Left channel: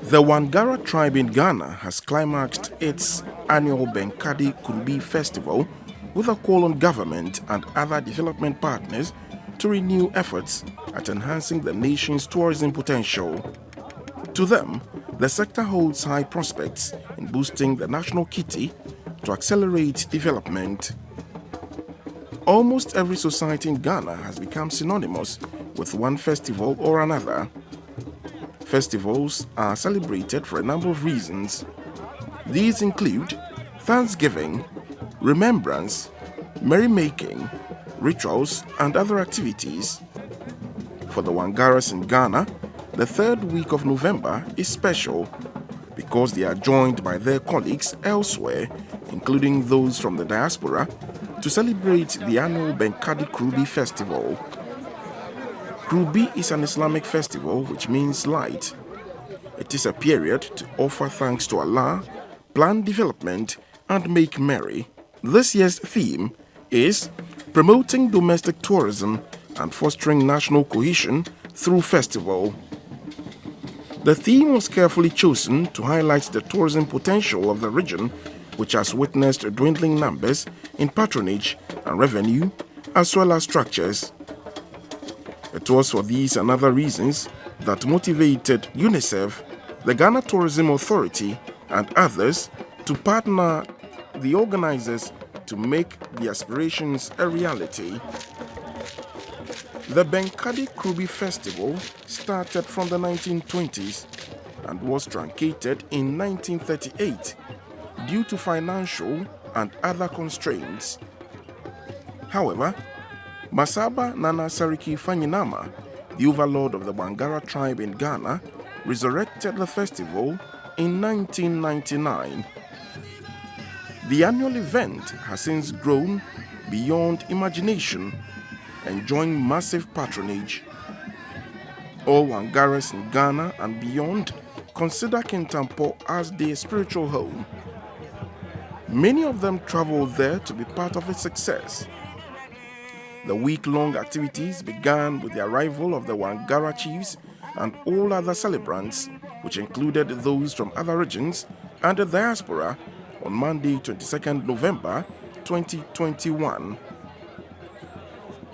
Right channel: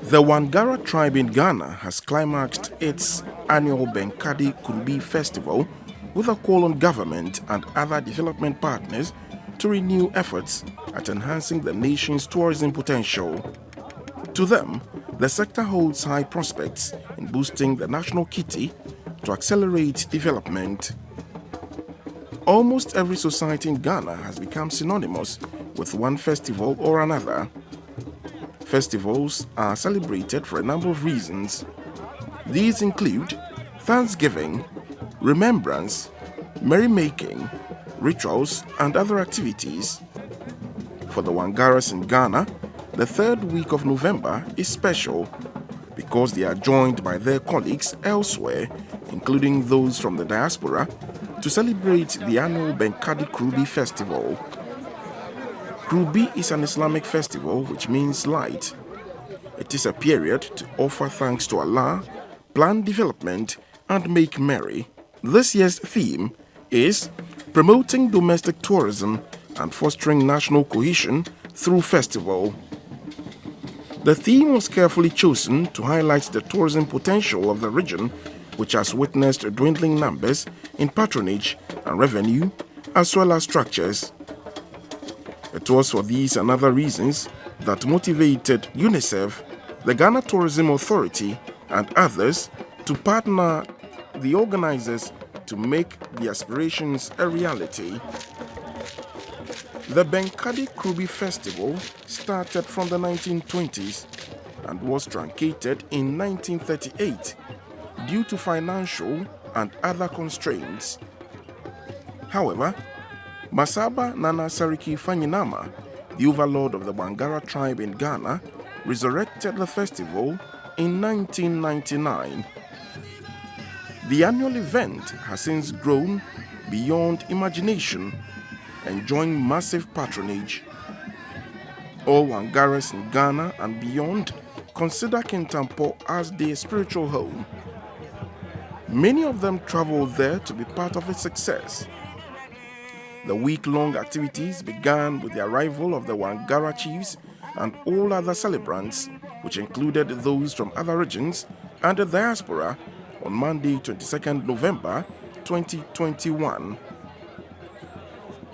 The Wangara tribe in Ghana has climaxed its annual Benkadi Kurubi Festival with a call on government and other development partners to renew efforts at enhancing the nation's tourism potential. To them, the sector holds high prospects in boosting the national kitty to accelerate development. Almost every society in Ghana has become synonymous with one festival or another. Festivals are celebrated for a number of reasons. These include Thanksgiving, remembrance, merrymaking, rituals, and other activities. For the Wangaras in Ghana, the third week of November is special because they are joined by their colleagues elsewhere, including those from the diaspora, to celebrate the annual Benkadi Kurubi Festival. Kurubi is an Islamic festival which means light. It is a period to offer thanks to Allah, plan development, and make merry. This year's theme is promoting domestic tourism and fostering national cohesion through festival. The theme was carefully chosen to highlight the tourism potential of the region, which has witnessed dwindling numbers in patronage and revenue, as well as structures. It was for these and other reasons that motivated UNICEF, the Ghana Tourism Authority, and others to partner the organizers to make the aspirations a reality. The Benkadi Kurubi Festival started from the 1920s and was truncated in 1938 due to financial and other constraints. However, Masaba Nana Sariki Fanyinama, the overlord of the Wangara tribe in Ghana, resurrected the festival in 1999. The annual event has since grown beyond imagination, enjoying massive patronage. All Wangaras in Ghana and beyond consider Kintampo as their spiritual home. Many of them travel there to be part of its success. The week-long activities began with the arrival of the Wangara chiefs and all other celebrants, which included those from other regions and the diaspora, on Monday, 22nd November 2021.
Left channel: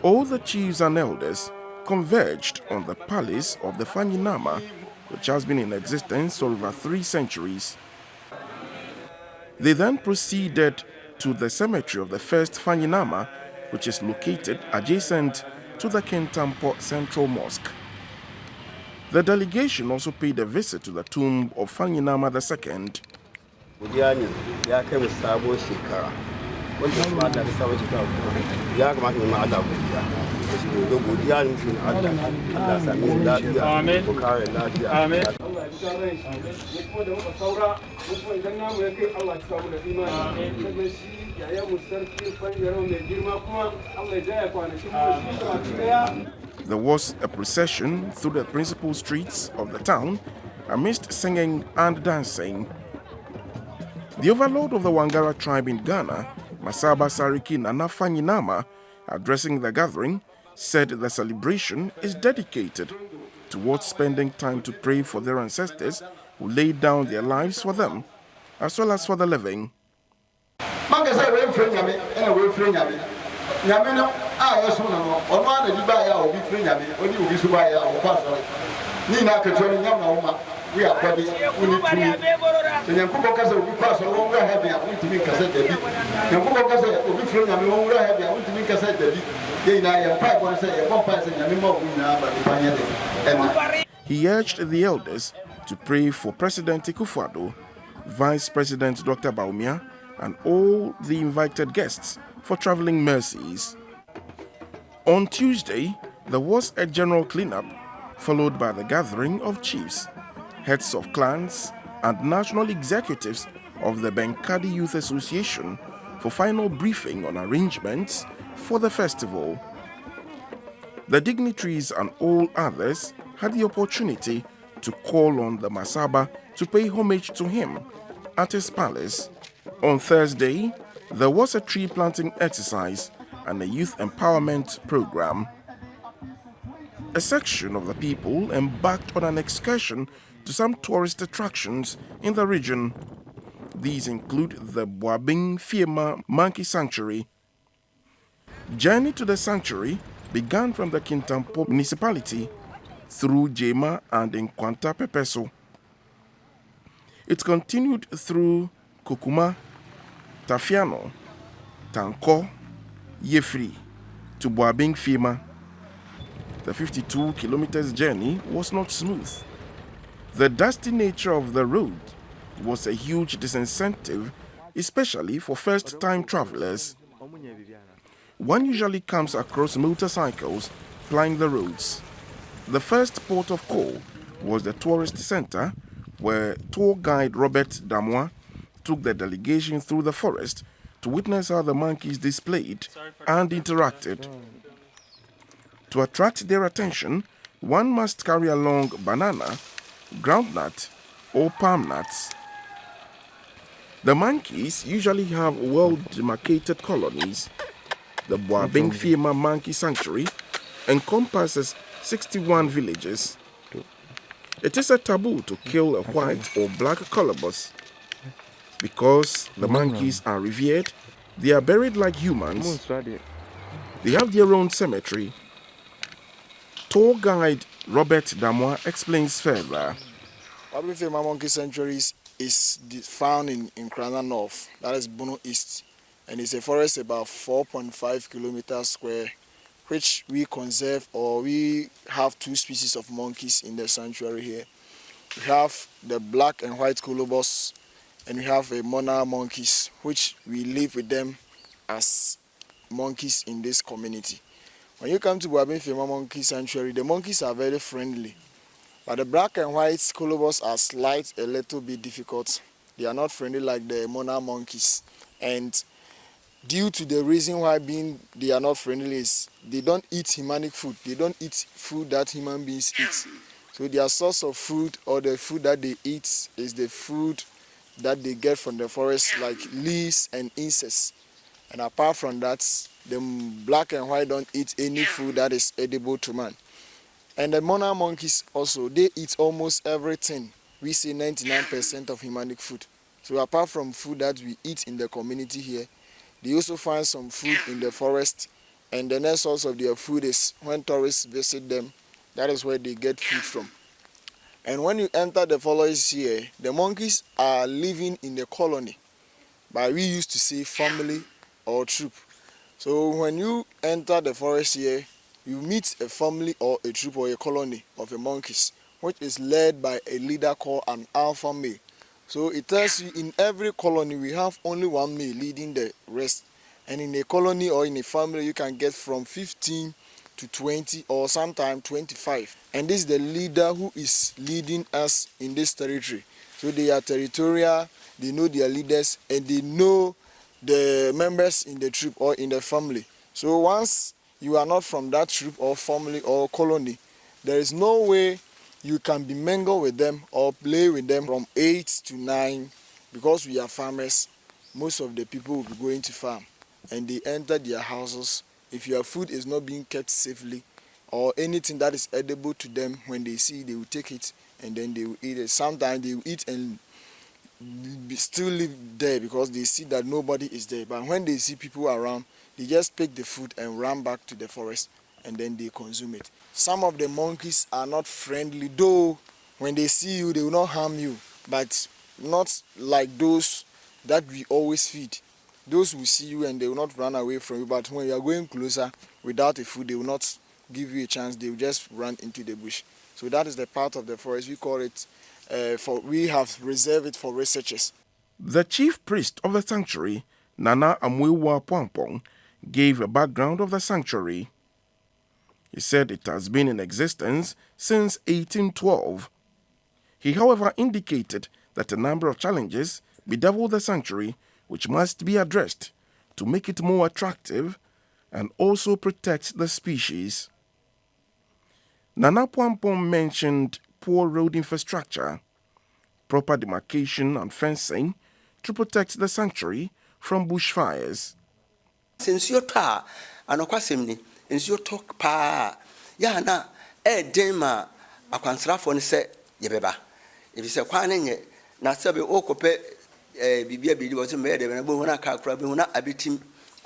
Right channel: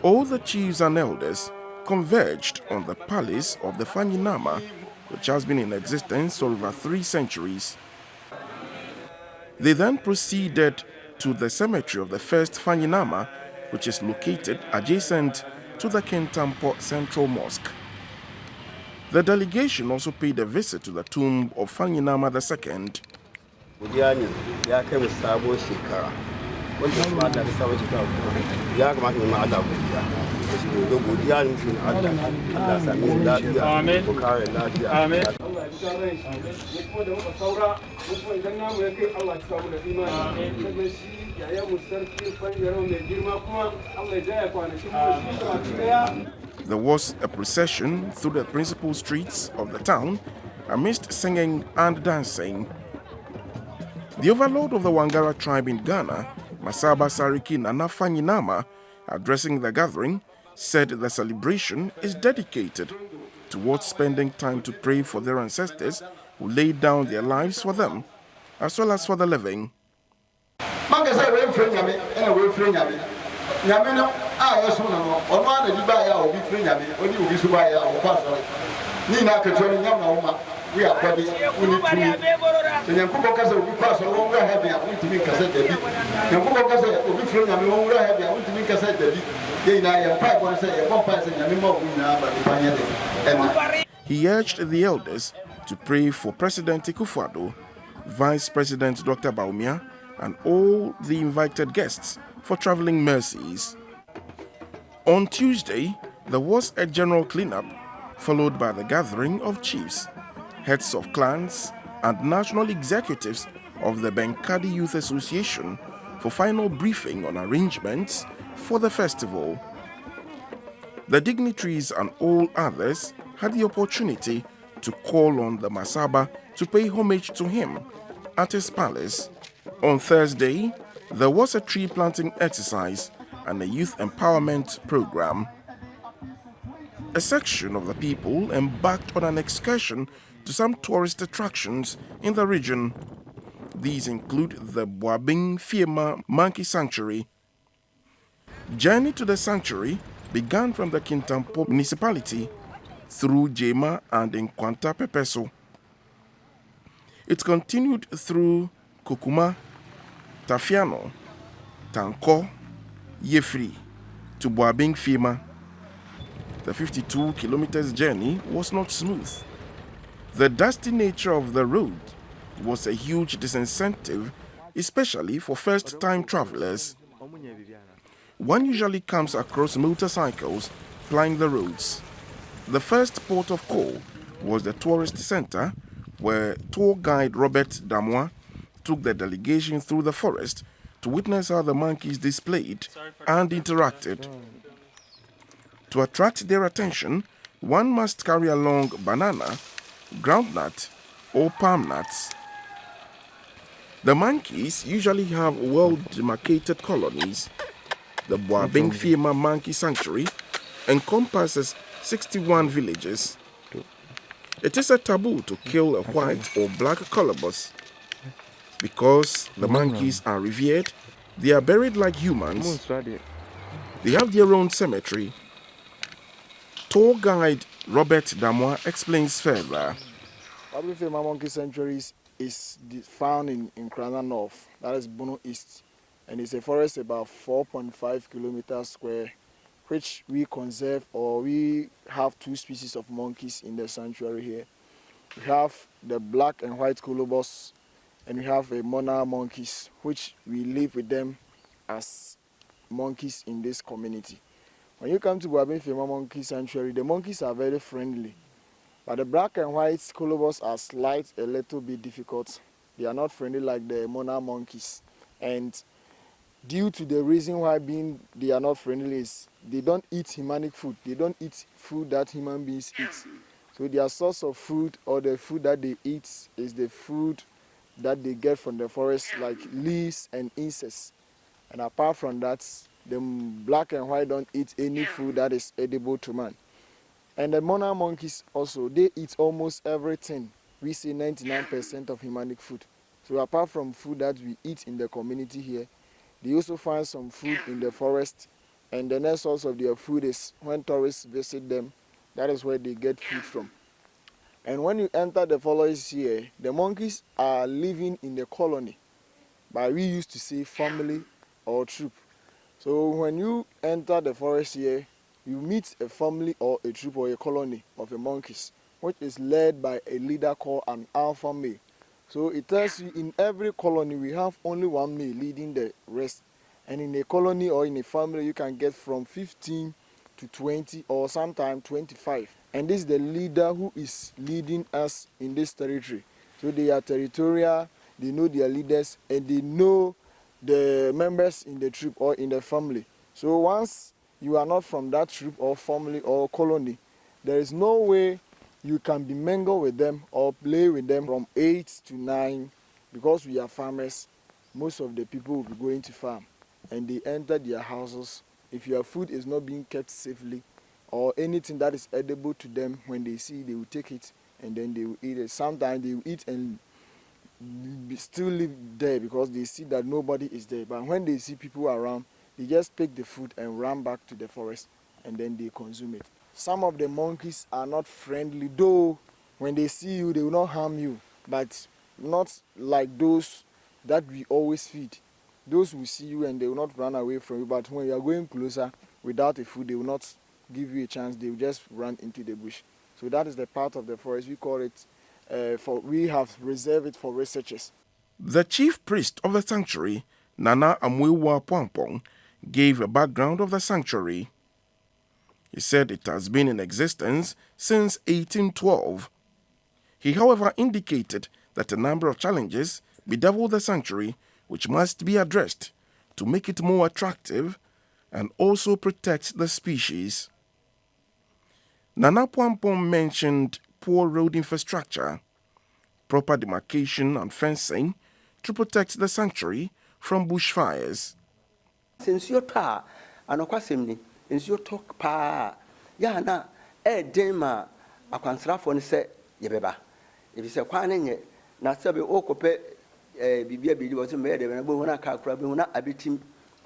All the chiefs and elders converged on the palace of the Fanyinama, which has been in existence for over 3 centuries. They then proceeded to the cemetery of the first Fanyinama, which is located adjacent to the Kintampo Central Mosque. The delegation also paid a visit to the tomb of Fanyinama II. There was a procession through the principal streets of the town amidst singing and dancing. The overlord of the Wangara tribe in Ghana, Masaba Sariki Nana Fanyinama, addressing the gathering, said the celebration is dedicated towards spending time to pray for their ancestors who laid down their lives for them, as well as for the living. He urged the elders to pray for President Akufo-Addo, Vice President Dr. Baumia, and all the invited guests for traveling mercies. On Tuesday, there was a general cleanup, followed by the gathering of chiefs, heads of clans, and national executives of the Benkadi Youth Association for final briefing on arrangements for the festival. The dignitaries and all others had the opportunity to call on the Masaba to pay homage to him at his palace. On Thursday, there was a tree planting exercise and a youth empowerment program. A section of the people embarked on an excursion to some tourist attractions in the region. These include the Boabing Fiema Monkey Sanctuary. Journey to the sanctuary began from the Kintampo municipality through Jema and Nkwanta Pepeso. It continued through Kokuma, Tafiano, Tanko, Yefri to Boabing Fiema. The 52 kilometers journey was not smooth. The dusty nature of the road was a huge disincentive, especially for first-time travelers. One usually comes across motorcycles plying the roads. The first port of call was the tourist center, where tour guide Robert Damois took the delegation through the forest to witness how the monkeys displayed and interacted. To attract their attention, one must carry along banana, groundnut, or palm nuts. The monkeys usually have well-demarcated colonies. The Boabing Fiema Monkey Sanctuary encompasses 61 villages. It is a taboo to kill a white or black colobus. Because the monkeys are revered, they are buried like humans. They have their own cemetery. Tour guide Robert Damois explains further. Kurubi Festival Monkey Sanctuary is found in Krana North, that is Bono East, and it's a forest about 4.5 kilometers square, which we conserve, or we have two species of monkeys in the sanctuary here. We have the black and white colobus, and we have a monarch monkeys, which we live with them as monkeys in this community. When you come to Boabing Fiema Monkey Sanctuary, the monkeys are very friendly. But the black and white colobus are a little bit difficult. They are not friendly like the monarch monkeys. And due to the reason why they are not friendly is they don't eat humanic food. They don't eat food that human beings eat. So their source of food, or the food that they eat, is the food that they get from the forest, like leaves and insects. And apart from that, the black and white don't eat any food that is edible to man. And the monarch monkeys also, they eat almost everything. We say 99% of humanic food. So apart from food that we eat in the community here, they also find some food in the forest. And the next source of their food is when tourists visit them, that is where they get food from. And when you enter the forest here, the monkeys are living in the colony. But we used to say family or troop. So when you enter the forest here, you meet a family or a troop or a colony of the monkeys, which is led by a leader called an alpha male. So it tells you in every colony we have only one male leading the rest. And in a colony or in a family you can get from 15 to 20 or sometimes 25. And this is the leader who is leading us in this territory. So they are territorial, they know their leaders, and they know the members in the troop or in the family. So once you are not from that troop or family or colony, there is no way you can be mingled with them or play with them from 8 to 9, because we are farmers. Most of the people will be going to farm and they enter their houses. If your food is not being kept safely, or anything that is edible to them, when they see, they will take it and then they will eat it. Sometimes they will eat and still live there because they see that nobody is there. But when they see people around, they just pick the food and run back to the forest and then they consume it. Some of the monkeys are not friendly, though when they see you, they will not harm you, but not like those that we always feed. Those will see you and they will not run away from you, but when you are going closer without a food, they will not give you a chance, they will just run into the bush. So that is the part of the forest, we call it, we have reserved it for researchers. The chief priest of the sanctuary, Nana Amwewa Pwampong, gave a background of the sanctuary. He said it has been in existence since 1812. He, however, indicated that a number of challenges bedevil the sanctuary which must be addressed to make it more attractive and also protect the species. Nana Pwampong mentioned poor road infrastructure, proper demarcation and fencing to protect the sanctuary from bushfires. Dema a Quansrafon said, Yebeba. If it's a quaning, not so be okope, Bibia was made, and a buna crabuna abitim,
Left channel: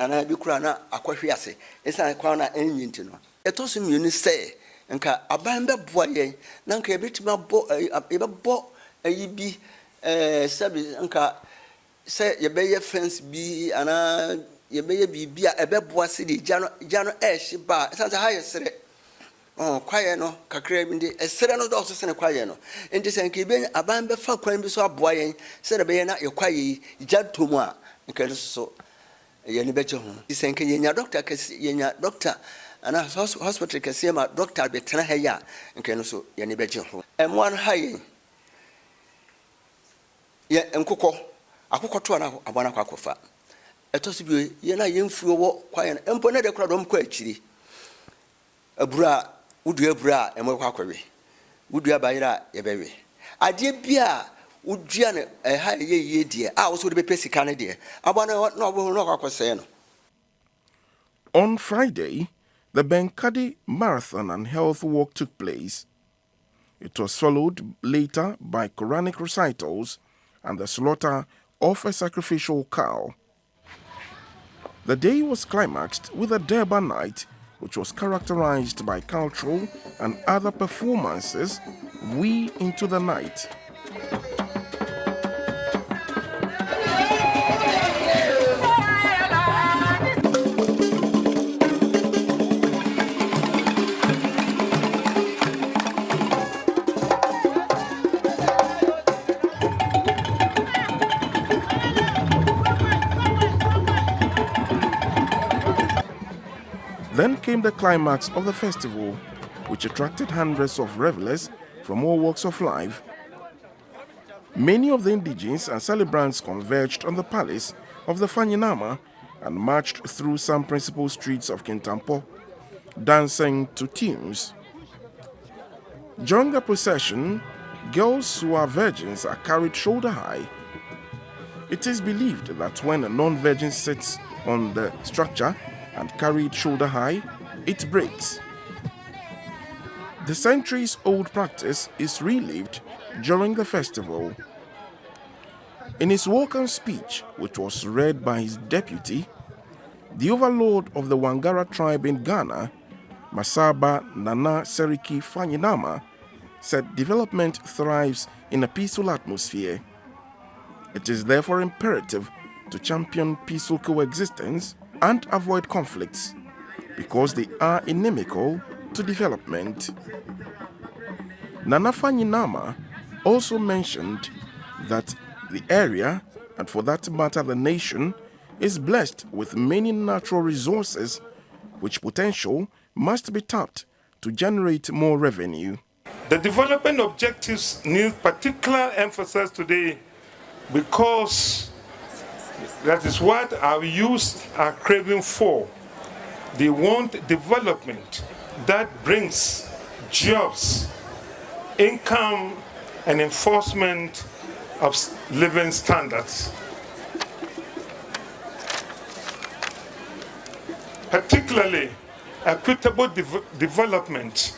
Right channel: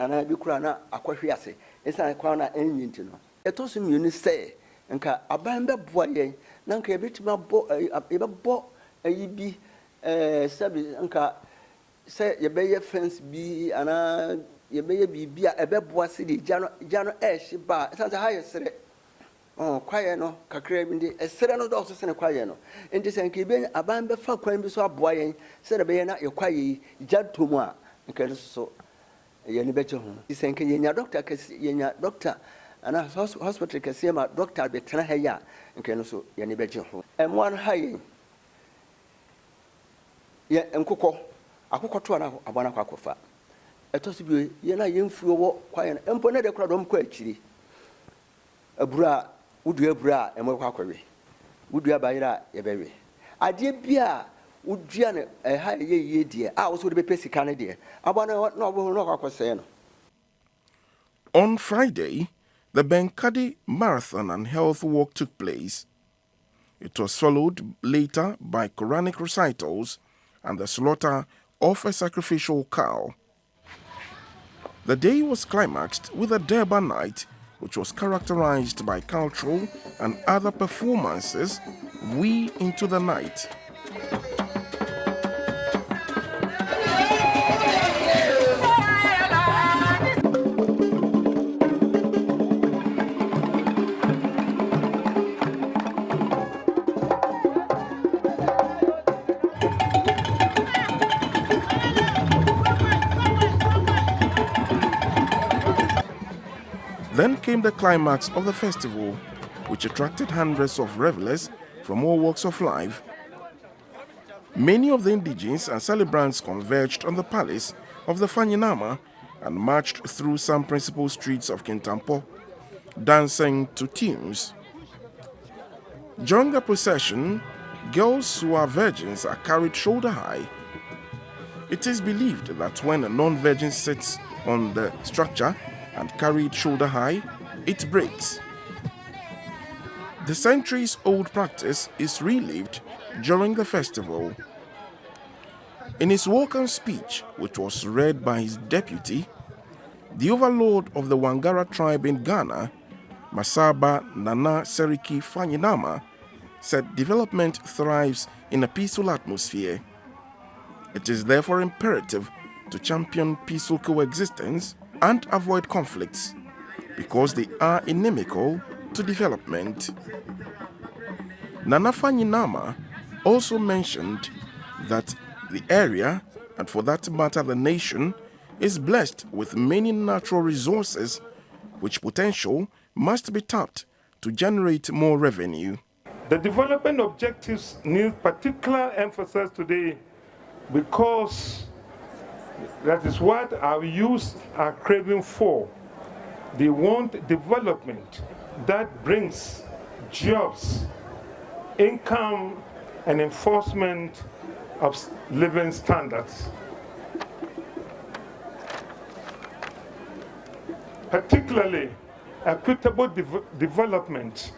and I be crana aquafiase. It's a corner engine. A tossing you say, and a bamba boye, Nanka a bit more bo a be Sabi Anka say, your bay fence be and your baby be a beboa city, Jano Ash, but it's as a higher say. Oh, quiet no, Cacrabindi, a serano doctor and a quiet no. And this and Kibin, a bamba for crime be so boy, said a bayana, your quiet, Jad to moi, because so. Yenny bet you, this and Kenya doctor, Kenya doctor, and a hospital can see my doctor be Tanahaya, and can also Yenny bet you. And one high. Ye and Coco, a cocoa to a Wanaquafa. A tossy, Yena young few walk quiet, and put a crowd on quetchy. A bra. Would you bra and more quackery? Would you buy a baby? I did beer, would Janet a high ye dear. I was with the Pessy Canada. I want to know what was saying. On Friday, the Benkadi Marathon and Health Walk took place. It was followed later by Quranic recitals and the slaughter of a sacrificial cow. The day was climaxed with a Durban night, which was characterized by cultural and other performances way into the night. Then came the climax of the festival, which attracted hundreds of revelers from all walks of life. Many of the indigenes and celebrants converged on the palace of the Fanyinama and marched through some principal streets of Kintampo, dancing to tunes. During the procession, girls who are virgins are carried shoulder high. It is believed that when a non-virgin sits on the structure and carried shoulder high, it breaks. The centuries-old practice is relived during the festival. In his welcome speech, which was read by his deputy, the overlord of the Wangara tribe in Ghana, Masaba Nana Seriki Fanyinama, said development thrives in a peaceful atmosphere. It is therefore imperative to champion peaceful coexistence and avoid conflicts, because they are inimical to development. Nana Fanyinama also mentioned that the area, and for that matter the nation, is blessed with many natural resources which potential must be tapped to generate more revenue. The development objectives need particular emphasis today because that is what our youth are craving for. They want development that brings jobs, income, and enforcement of living standards. Particularly, equitable development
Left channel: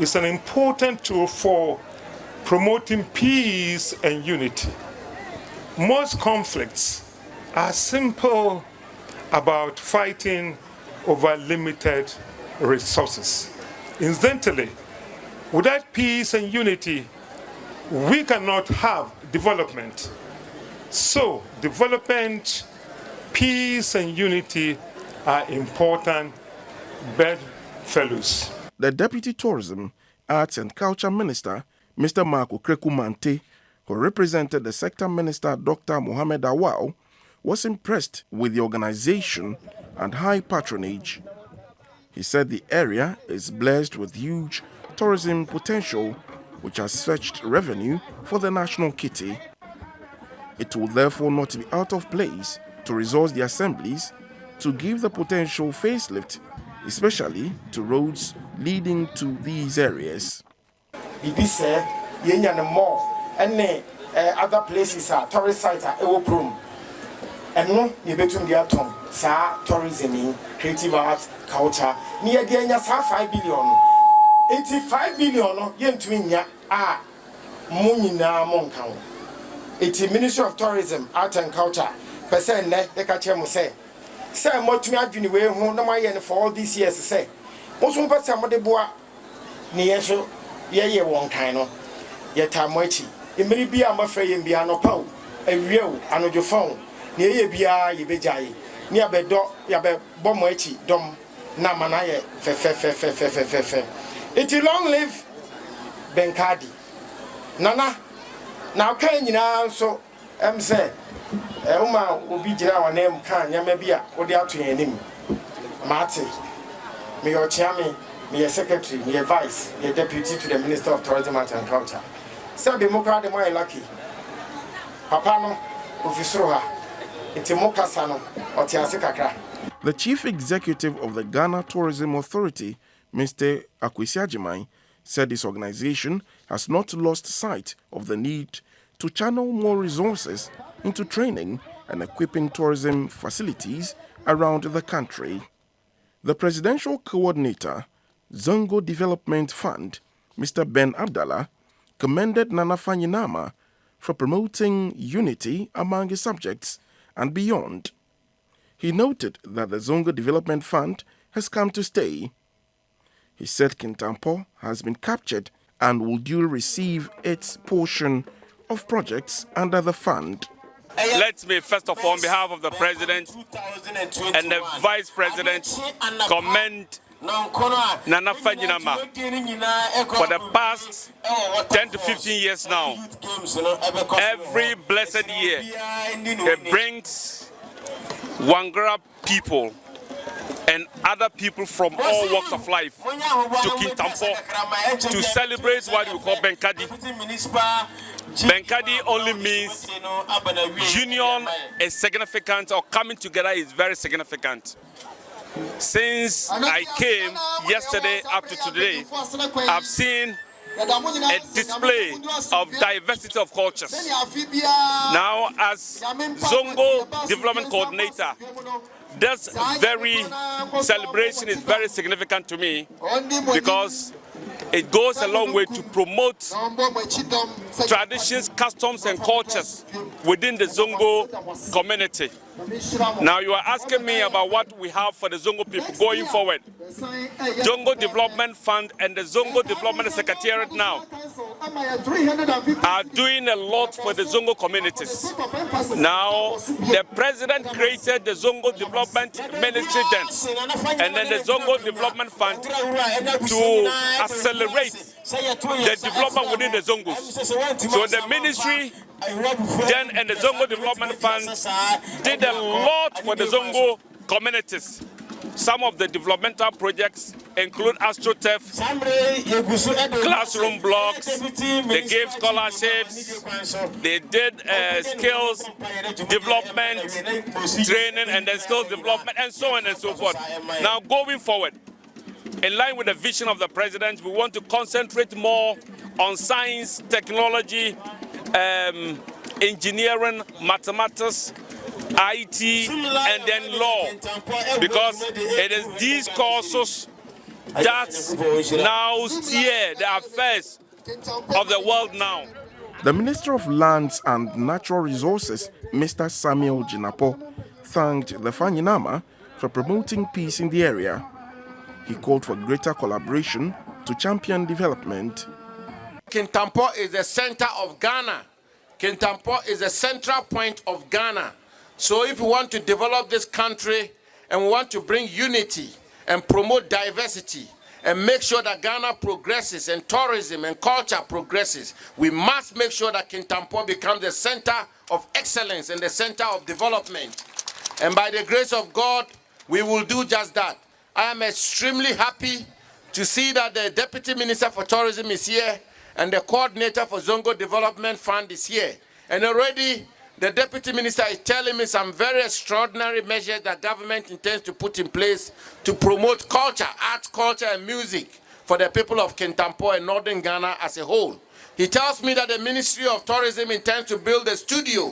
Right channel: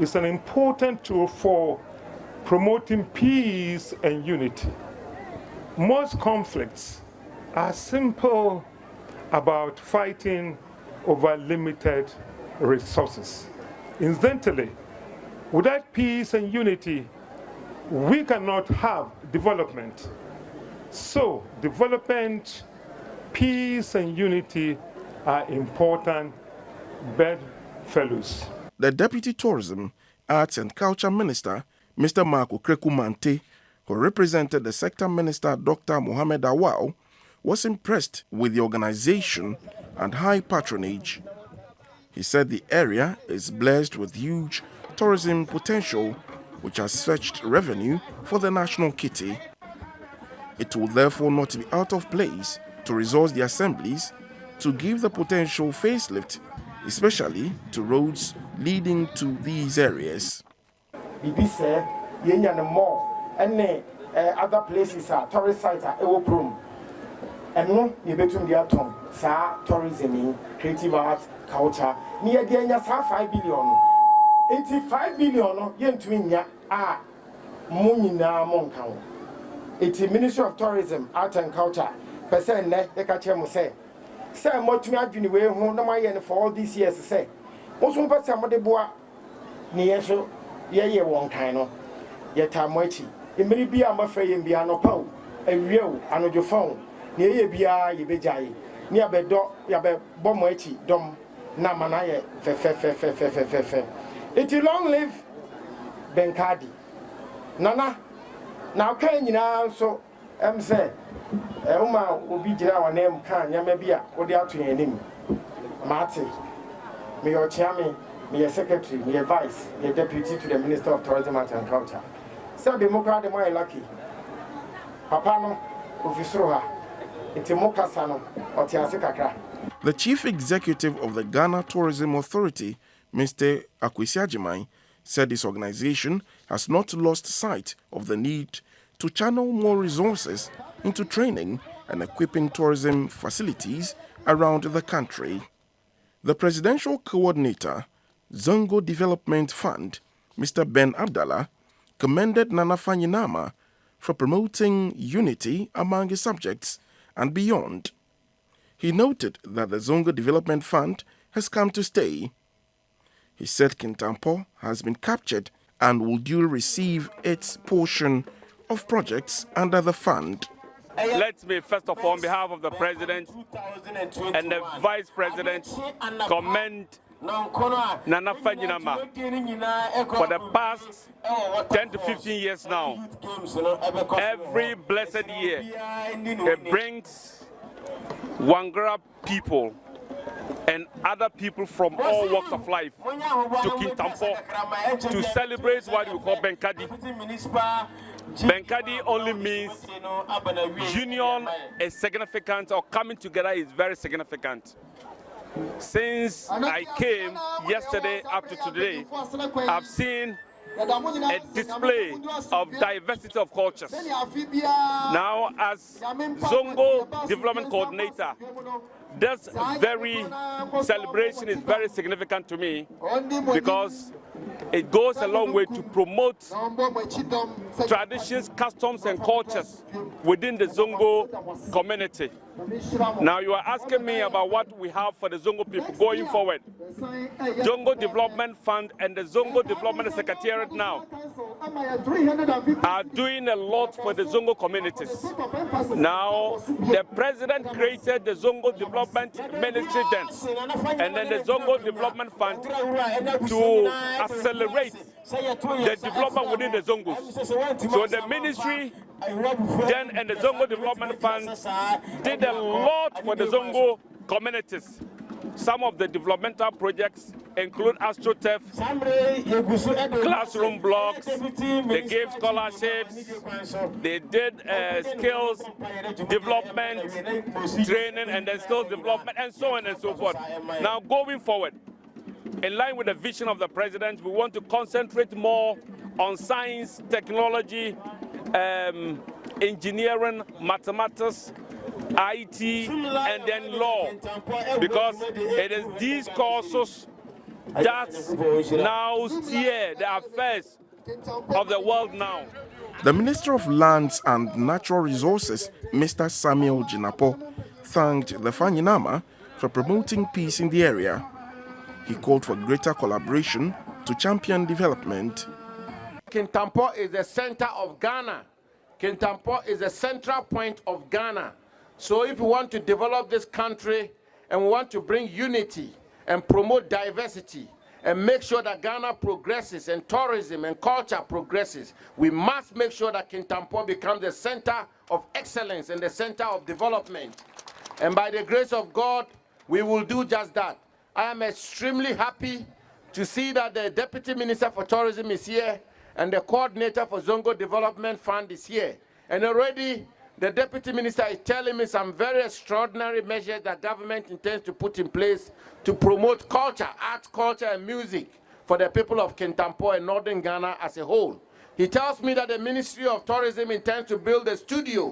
is an important tool for promoting peace and unity. Most conflicts are simple about fighting over limited resources. Incidentally, without peace and unity, we cannot have development. So, development, peace, and unity are important bedfellows. The Deputy Tourism, Arts and Culture Minister, Mr. Marco Krekumante, who represented the Sector Minister, Dr. Mohamed Awao, was impressed with the organization and high patronage. He said the area is blessed with huge tourism potential, which has fetched revenue for the national kitty. It will therefore not be out of place to resource the assemblies to give the potential facelift, especially to roads leading to these areas. Other places are tourist sites are Ewo and no, you bet on the tourism, creative arts, culture, near again, just 5 billion. 85 billion no yentumi nya a mo nyinaa mo nka ho. Iti Ministry of Tourism, Art and Culture, percent ne de ka che mo say motumi adwini we ho na maye ne for all these years say oso pese mo de boa ne yeso ye won kan no ye tamo achi emiri bia mafra ye bia no paw awie o anojo fon ne ye bia ye bejaye ne abedo ya be bomo achi dom na manaye fe. It long live Benkadi nana now kan nyina so say uma obi gira wa name kan nyama bia wo de ato yanim mate me your chairman me your secretary me your vice me deputy to the Minister of Tourism Art and Culture say be mo kra de mo lucky papa no ofisoro ha itimo kasa no otiase kakra. The chief executive of the Ghana Tourism Authority, Mr. Akwesi Agyeman, said his organization has not lost sight of the need to channel more resources into training and equipping tourism facilities around the country. The presidential coordinator, Zongo Development Fund, Mr. Ben Abdallah, commended Nana Fanyinama for promoting unity among his subjects and beyond. He noted that the Zongo Development Fund has come to stay. He said Kintampo has been captured and will duly receive its portion of projects under the fund. Let me first of all, on behalf of the President and the Vice President, commend Nana Fanyinama for the past 10 to 15 years now. Every blessed year, it brings Wangara people and other people from all walks of life to Kintampo to celebrate what we call Benkadi. Benkadi only means union is significant, or coming together is very significant. Since I came yesterday up to today, I've seen a display of diversity of cultures. Now, as Zongo Development Coordinator, this very celebration is very significant to me because it goes a long way to promote traditions, customs, and cultures within the Zongo community. Now, you are asking me about what we have for the Zongo people going forward. Zongo Development Fund and the Zongo Development Secretariat now are doing a lot for the Zongo communities. Now, the President created the Zongo Development Ministry then, and then the Zongo Development Fund to accelerate the development within the Zongos. So the ministry then and the Zongo Development Fund did a lot for the Zongo communities. Some of the developmental projects include AstroTurf, classroom blocks, they gave scholarships, they did skills development, training, and then skills development, and so on and so forth. Now, going forward, in line with the vision of the President, we want to concentrate more on science, technology, engineering, mathematics, IT, and then law, because it is these courses that now steer the affairs of the world now. The Minister of Lands and Natural Resources, Mr. Samuel Jinapo, thanked the Fanyinama for promoting peace in the area. He called for greater collaboration to champion development. Kintampo is the center of Ghana. Kintampo is the central point of Ghana. So if we want to develop this country and we want to bring unity and promote diversity and make sure that Ghana progresses and tourism and culture progresses, we must make sure that Kintampo becomes the center of excellence and the center of development. And by the grace of God, we will do just that. I am extremely happy to see that the Deputy Minister for Tourism is here and the coordinator for Zongo Development Fund is here. And already the Deputy Minister is telling me some very extraordinary measures that government intends to put in place to promote culture, art, culture, and music for the people of Kintampo and Northern Ghana as a whole. He tells me that the Ministry of Tourism intends to build a studio,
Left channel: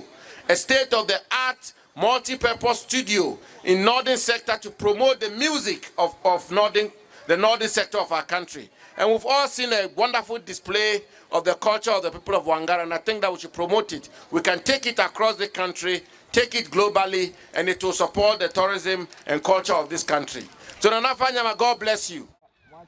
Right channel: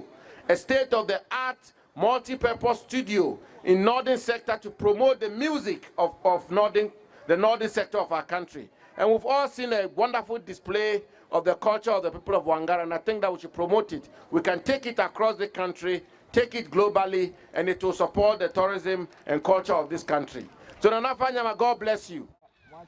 a state-of-the-art multi-purpose studio in Northern sector to promote the music of Northern the northern sector of our country. And we've all seen a wonderful display of the culture of the people of Wangara, and I think that we should promote it. We can take it across the country, take it globally, and it will support the tourism and culture of this country. So Nana Fanyama, God bless you.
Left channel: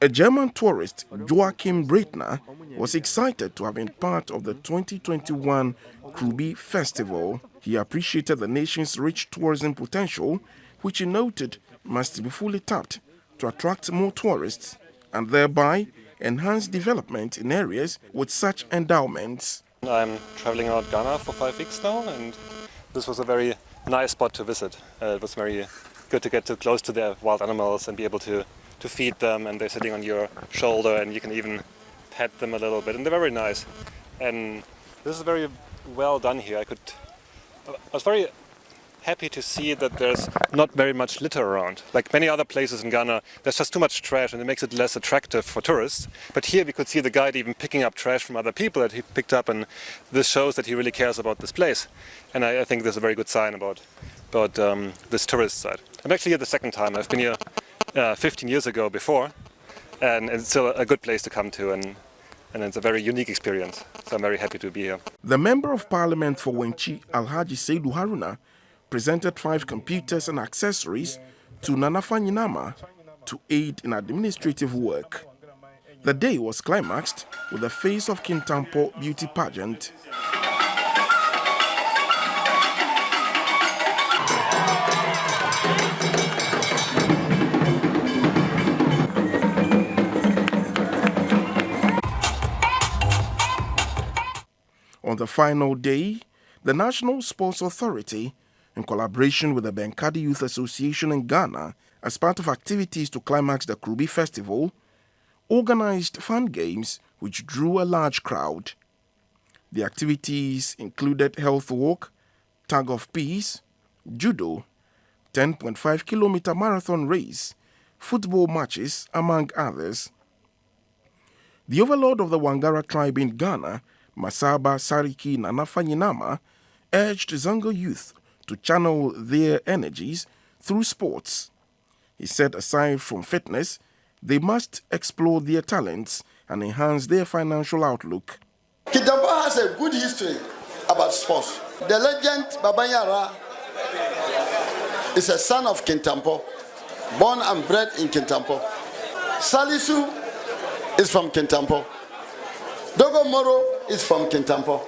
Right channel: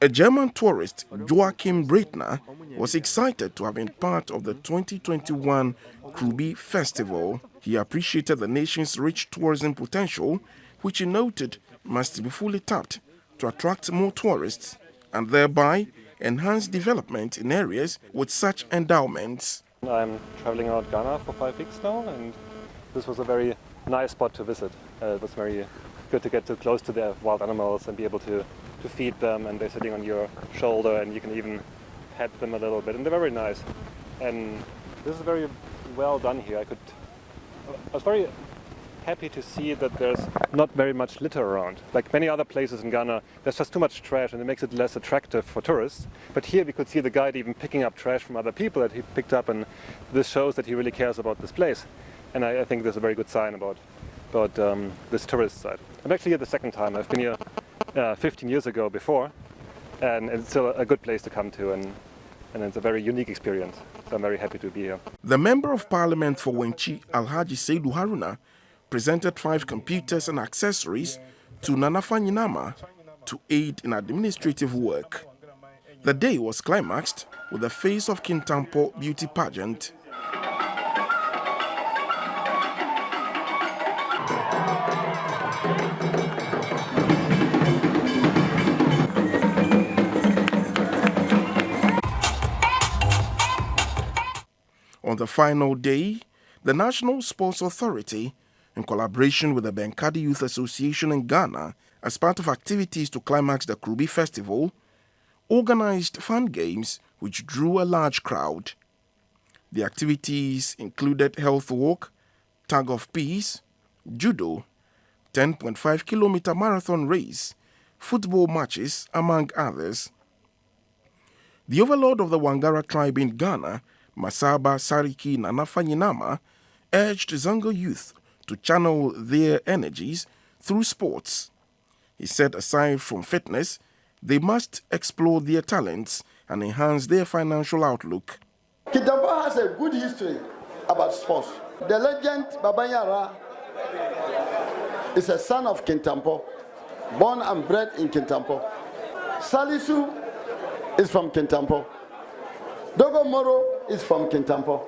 A German tourist, Joachim Breitner, was excited to have been part of the 2021 Kurubi Festival. He appreciated the nation's rich tourism potential, which he noted must be fully tapped to attract more tourists and thereby enhance development in areas with such endowments. I'm traveling around Ghana for 5 weeks now, and this was a very nice spot to visit. It was very good to get too close to the wild animals and be able to feed them, and they're sitting on your shoulder and you can even pet them a little bit, and they're very nice. And this is very well done here. I was very happy to see that there's not very much litter around. Like many other places in Ghana, there's just too much trash and it makes it less attractive for tourists. But here we could see the guide even picking up trash from other people that he picked up, and this shows that he really cares about this place. And I think this is a very good sign about this tourist side. I'm actually here the second time. I've been here 15 years ago before, and it's still a good place to come to, and it's a very unique experience. So I'm very happy to be here. The Member of Parliament for Wenchi, Alhaji Seidu Haruna, presented 5 computers and accessories to Nana Fanyinama to aid in administrative work. The day was climaxed with the Face of Kintampo beauty pageant. On the final day, the National Sports Authority, in collaboration with the Benkadi Youth Association in Ghana, as part of activities to climax the Kurubi Festival, organized fun games which drew a large crowd. The activities included health walk, tug of peace, judo, 10.5-kilometer marathon race, football matches, among others. The overlord of the Wangara tribe in Ghana, Masaba Sariki Nana Fanyinama, urged Zongo youth to channel their energies through sports. He said aside from fitness, they must explore their talents and enhance their financial outlook. Kintampo has a good history about sports. The legend Babayara is a son of Kintampo, born and bred in Kintampo. Salisu is from Kintampo. Dogo Moro is from Kintampo.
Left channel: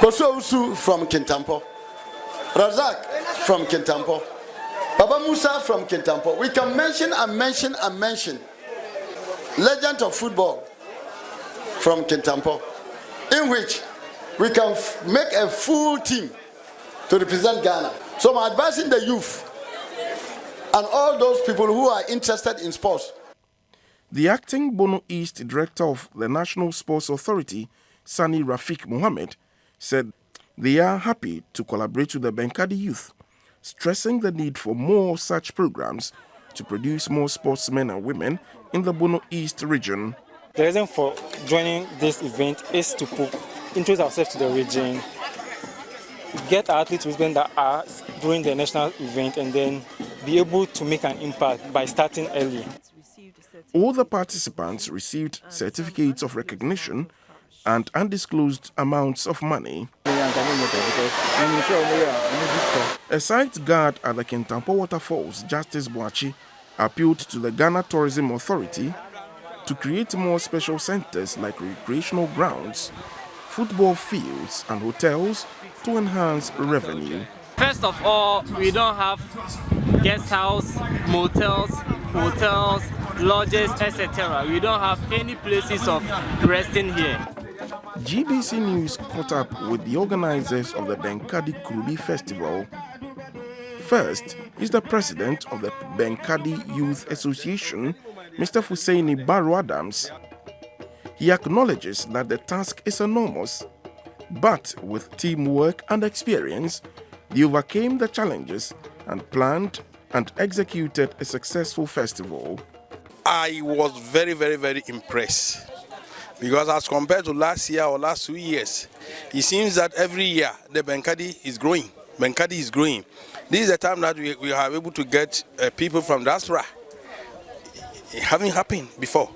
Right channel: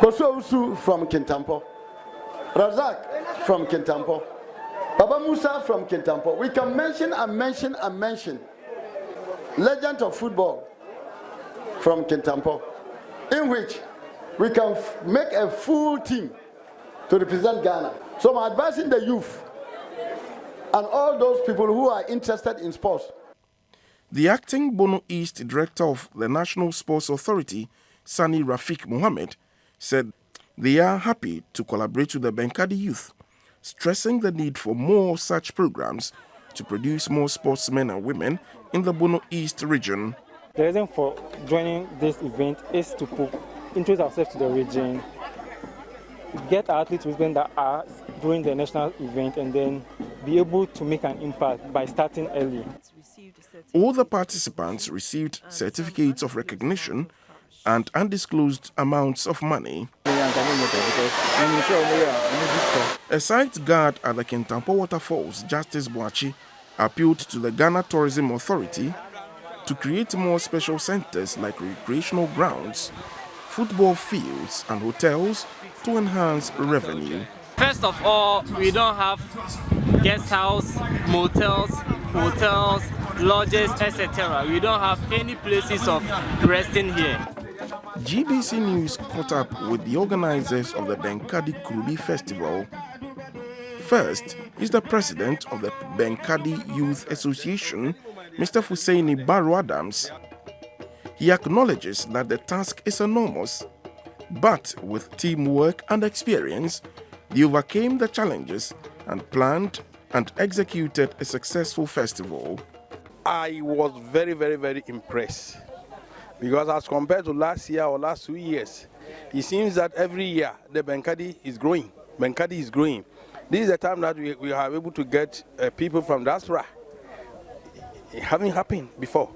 Kosousu from Kintampo. Razak from Kintampo. Baba Musa from Kintampo. We can mention and mention and mention. Legend of football from Kintampo, in which we can make a full team to represent Ghana. So I'm advising the youth and all those people who are interested in sports. The acting Bono East director of the National Sports Authority, Sani Rafiq Mohammed, said they are happy to collaborate with the Benkadi youth, stressing the need for more such programs to produce more sportsmen and women in the Bono East region. The reason for joining this event is to introduce ourselves to the region, get our athletes that are doing the national event, and then be able to make an impact by starting early. All the participants received certificates of recognition and undisclosed amounts of money. A site guard at the Kintampo Waterfalls, Justice Boachi, appealed to the Ghana Tourism Authority to create more special centers like recreational grounds, football fields and hotels to enhance revenue. First of all, we don't have guest house, motels, hotels, lodges, etc. We don't have any places of resting here. GBC News caught up with the organizers of the Benkadi Kurubi Festival. First is the president of the Benkadi Youth Association, Mr. Fuseini Baro Adams. He acknowledges that the task is enormous, but with teamwork and experience, they overcame the challenges and planned and executed a successful festival. I was very impressed, because as compared to last year or last 2 years, it seems that every year the Benkadi is growing. Benkadi is growing. This is the time that we are able to get people from diaspora It haven't happened before,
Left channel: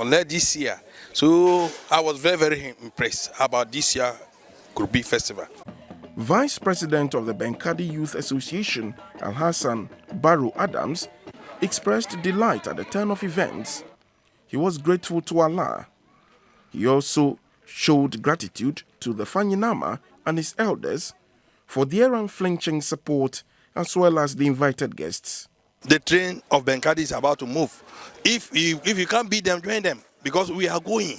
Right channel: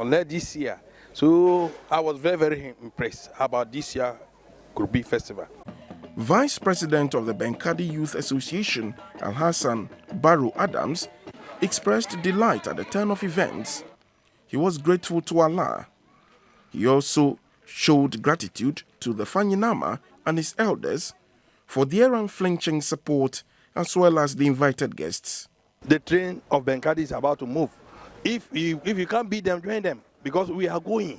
unless this year. So I was very, very impressed about this year Kurubi Festival. Vice President of the Benkadi Youth Association, Al-Hassan Barrow Adams, expressed delight at the turn of events. He was grateful to Allah. He also showed gratitude to the Fanyinama and his elders for their unflinching support as well as the invited guests. The train of Benkadi is about to move. If you can't beat them, join them, because we are going.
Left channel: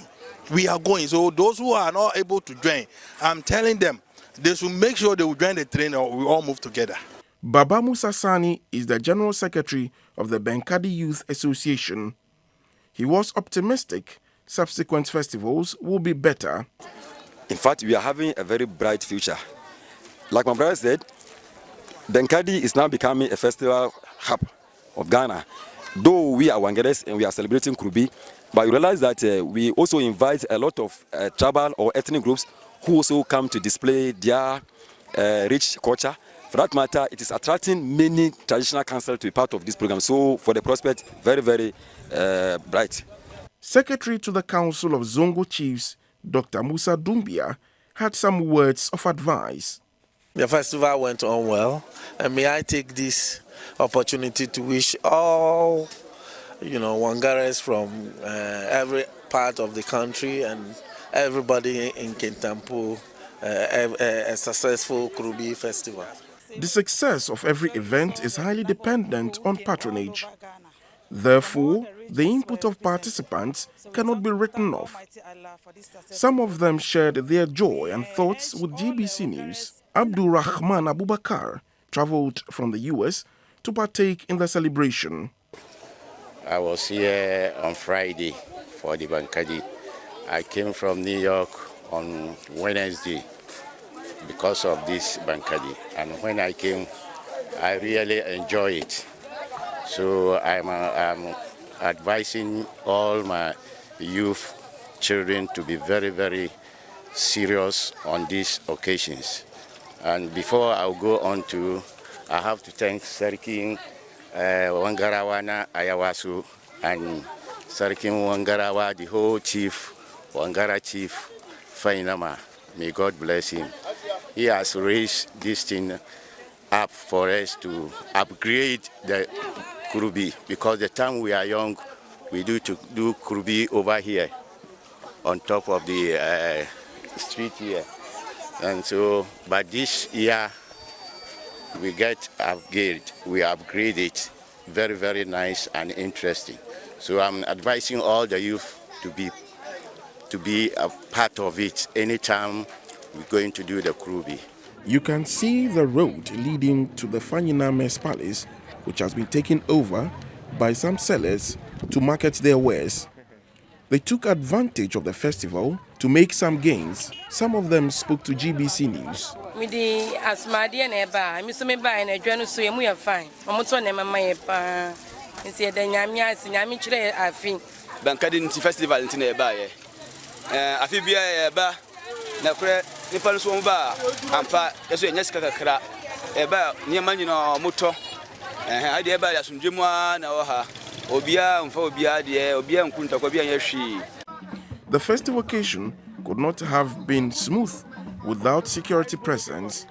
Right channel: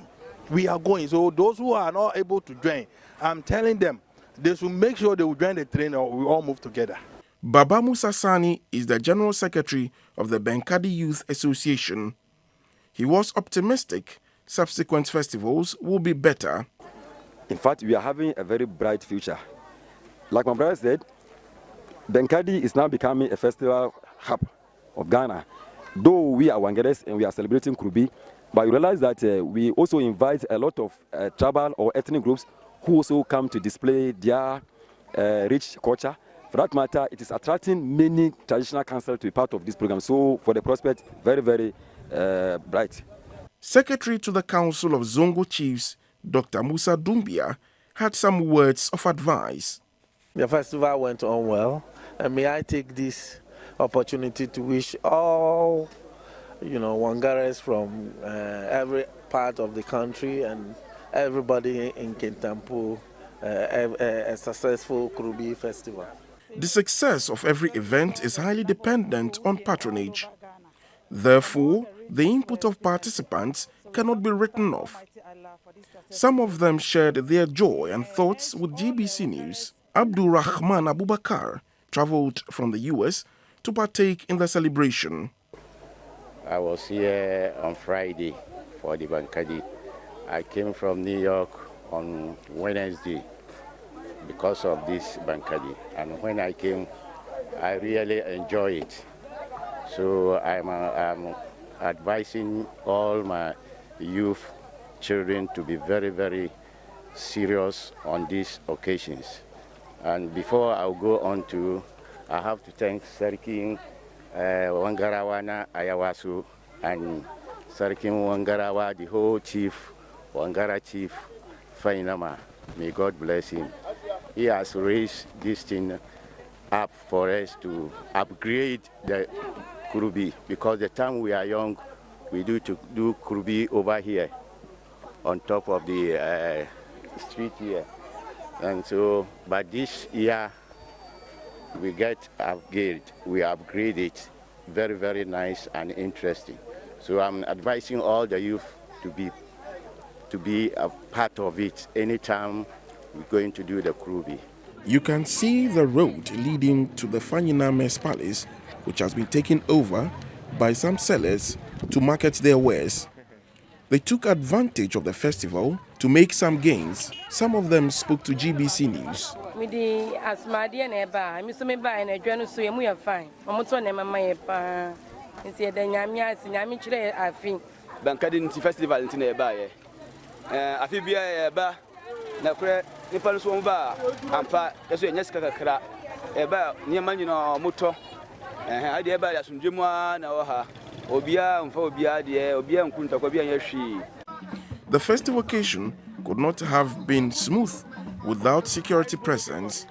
We are going. So those who are not able to join, I'm telling them, they should make sure they will join the train or we all move together. Baba Musa Sani is the General Secretary of the Benkadi Youth Association. He was optimistic subsequent festivals will be better. In fact, we are having a very bright future. Like my brother said, Benkadi is now becoming a festival hub of Ghana. Though we are Wangeres and we are celebrating Kurubi, but you realize that we also invite a lot of tribal or ethnic groups who also come to display their rich culture. For that matter, it is attracting many traditional councils to be part of this program. So for the prospect, very, very bright. Secretary to the Council of Zongo Chiefs, Dr. Musa Dumbia, had some words of advice. The festival went on well, and may I take this opportunity to wish all, Wangares from every part of the country and everybody in Kintampo a successful Kurubi Festival. The success of every event is highly dependent on patronage. Therefore, the input of participants cannot be written off. Some of them shared their joy and thoughts with GBC News. Abdul Rahman Abubakar traveled from the US to partake in the celebration. I was here on Friday for the Benkadi. I came from New York on Wednesday because of this Benkadi. And when I came, I really enjoy it. So I'm advising all my youth children to be very, very serious on these occasions. And before I'll go on to, I have to thank Sarkin Wangarawana Ayawasu and Sarkin Wangarawa, the whole chief, Wangara chief, Fainama. May God bless him. He has raised this thing up for us to upgrade the Kurubi, because the time we are young, we do Kurubi over here on top of the street here. And so, but this year we get we upgrade it, very, very nice and interesting. So I'm advising all the youth to be a part of it anytime we're going to do the Kurubi. You can see the road leading to the Fanyiname's palace, which has been taken over by some sellers to market their wares. They took advantage of the festival to make some gains. Some of them spoke to GBC News. The festive occasion could not have been smooth without security presence.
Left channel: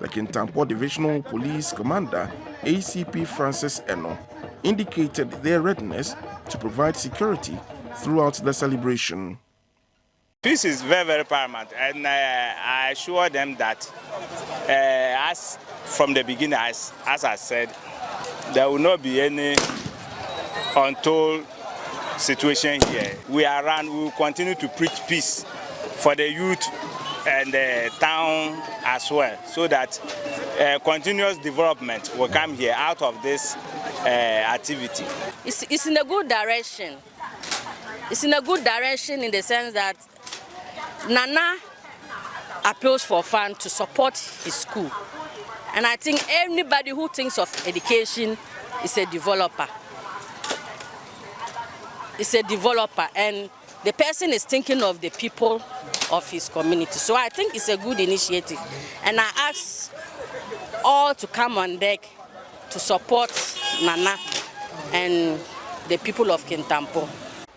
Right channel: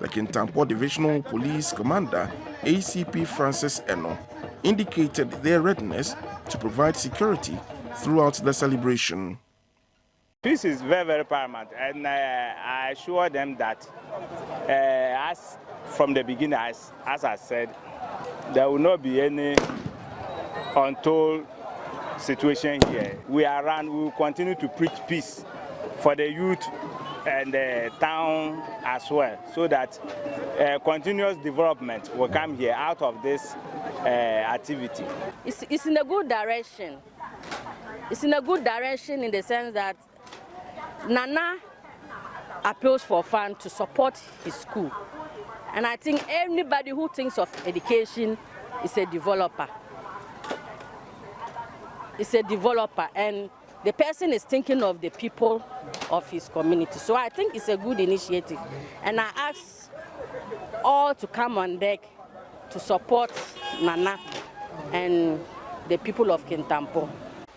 The Kintampo Divisional Police Commander, ACP Francis Eno, indicated their readiness to provide security throughout the celebration. Peace is very, very paramount, and I assure them that as from the beginning, as I said, there will not be any untold situation here. We will continue to preach peace for the youth and the town as well, so that continuous development will come here out of this activity. It's in a good direction. It's in a good direction in the sense that Nana appeals for funds to support his school. And I think anybody who thinks of education is a developer. It's a developer, and the person is thinking of the people of his community. So I think it's a good initiative. And I ask all to come on deck to support Nana and the people of Kintampo.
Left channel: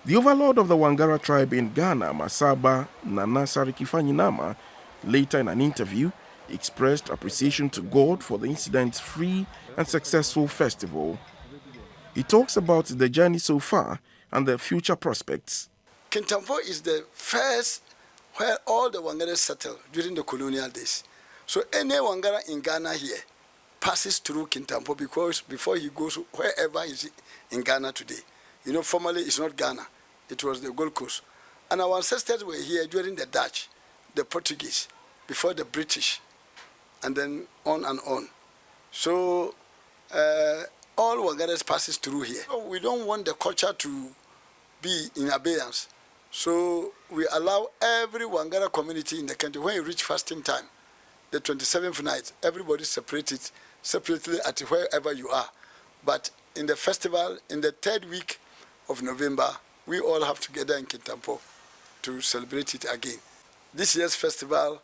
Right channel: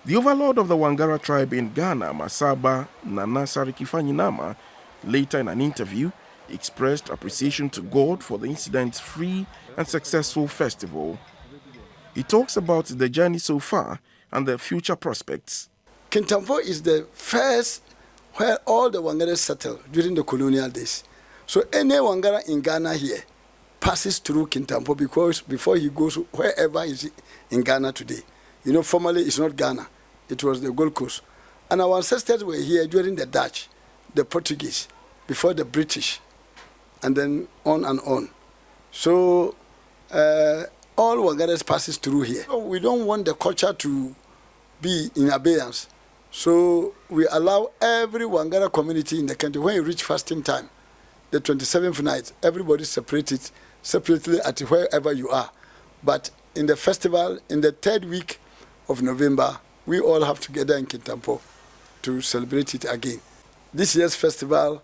The overlord of the Wangara tribe in Ghana, Masaba Nana Sarikifanyinama, later in an interview, expressed appreciation to God for the incident's free and successful festival. He talks about the journey so far and the future prospects. Kintampo is the first where all the Wangaras settled during the colonial days. So any Wangara in Ghana here passes through Kintampo because before he goes wherever is in Ghana today. You know, formerly it's not Ghana. It was the Gold Coast. And our ancestors were here during the Dutch, the Portuguese, before the British, and then on and on. So all Wangaras passes through here. So we don't want the culture to be in abeyance. So we allow every Wangara community in the country, when you reach fasting time, the 27th night, everybody separated separately at wherever you are. But in the festival, in the 3rd week of November, we all have together in Kintampo to celebrate it again. This year's festival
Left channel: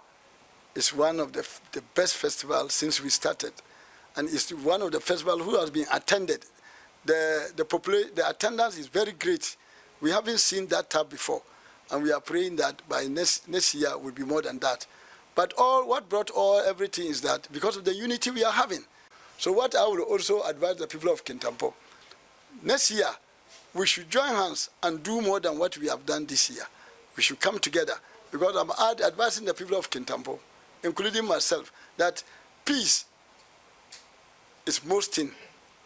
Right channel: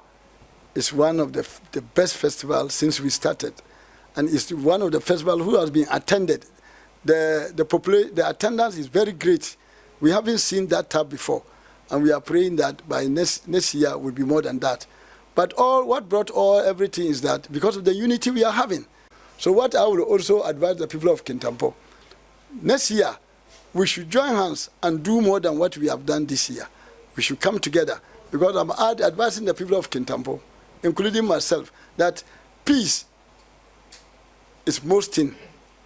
is one of the best festivals since we started. And it's one of the festivals who has been attended. The attendance is very great. We haven't seen that type before. And we are praying that by next year will be more than that. But what brought everything is that because of the unity we are having. So what I will also advise the people of Kintampo, next year, we should join hands and do more than what we have done this year. We should come together because I'm advising the people of Kintampo, including myself, that peace is most thing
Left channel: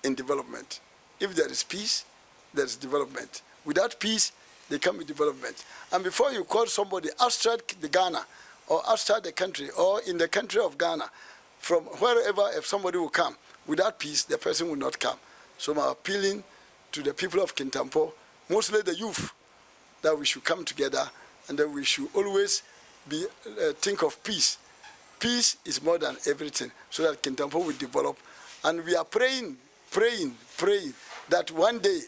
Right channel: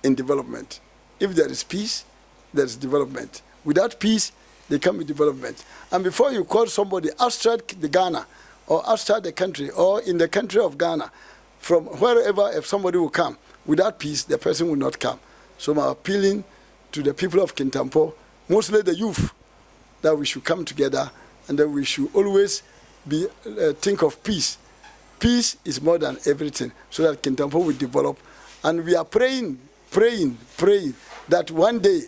in development. If there is peace, there is development. Without peace, there can be development. And before you call somebody outside the Ghana or outside the country or in the country of Ghana, from wherever, if somebody will come, without peace, the person will not come. So I'm appealing to the people of Kintampo, mostly the youth, that we should come together and that we should always think of peace. Peace is more than everything, so that Kintampo will develop. And we are praying that one day,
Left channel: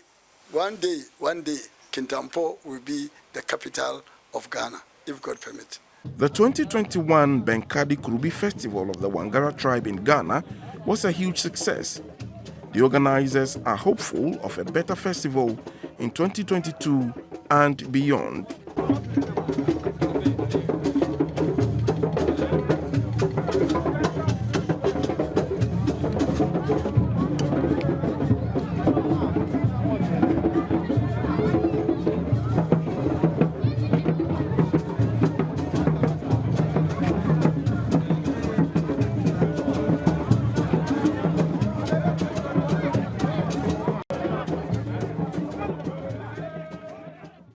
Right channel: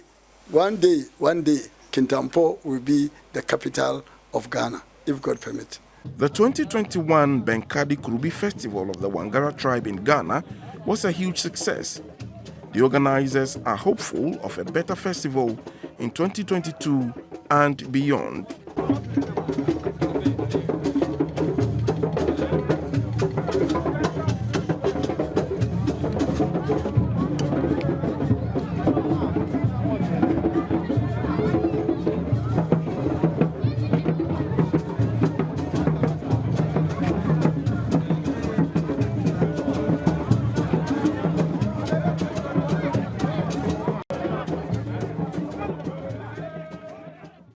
Kintampo will be the capital of Ghana, if God permits. The 2021 Benkadi Kurubi Festival of the Wangara tribe in Ghana was a huge success. The organizers are hopeful of a better festival in 2022 and beyond.